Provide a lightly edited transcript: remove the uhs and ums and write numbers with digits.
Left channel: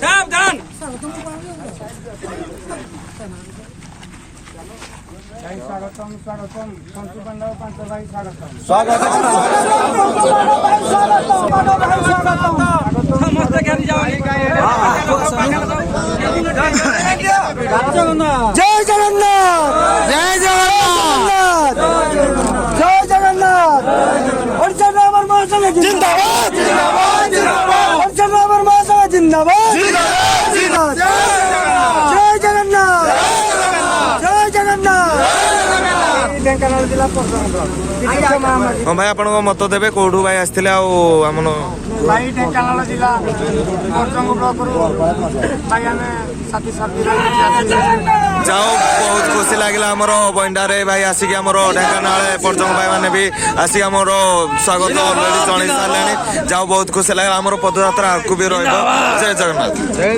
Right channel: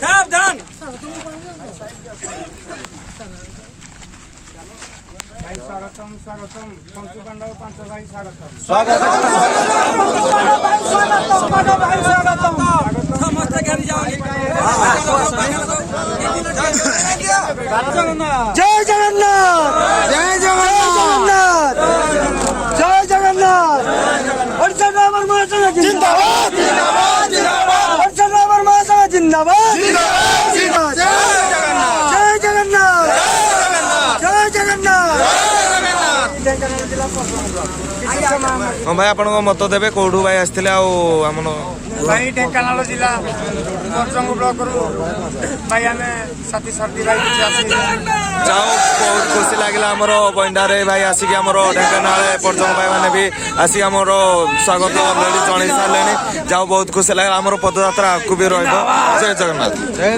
सावधान भाई स्वागतम स्वागतम पंचु पांडव पांच भाई स्वागतम समस्त ज्ञान जाओ जय जगन्नाथ जय जगन्नाथ जय जगन्नाथ ओडिशा ड्राइवर महासंघ जिंदाबाद ओडिशा ड्राइवर महासंघ जिंदाबाद जय जगन्नाथ जय जगन्नाथ ढेंकानाल जिला हाँ भाई आपण मत देवे कौटू भाई आसते आम भाई ढेंकानाल जिला परजंग ब्लॉक भाई आम साथी सर्दी भाई जाओ बहुत खुशी लगे आमर बंडारे भाई आसिक आम ढेंकानाल परजंग भाई मैंने भी आसिक आम स्वागत अलरेडी जन सारे जाओ बहुत खुशी लगे आम पदयात्रा आगू भी रही जय जगन्नाथ।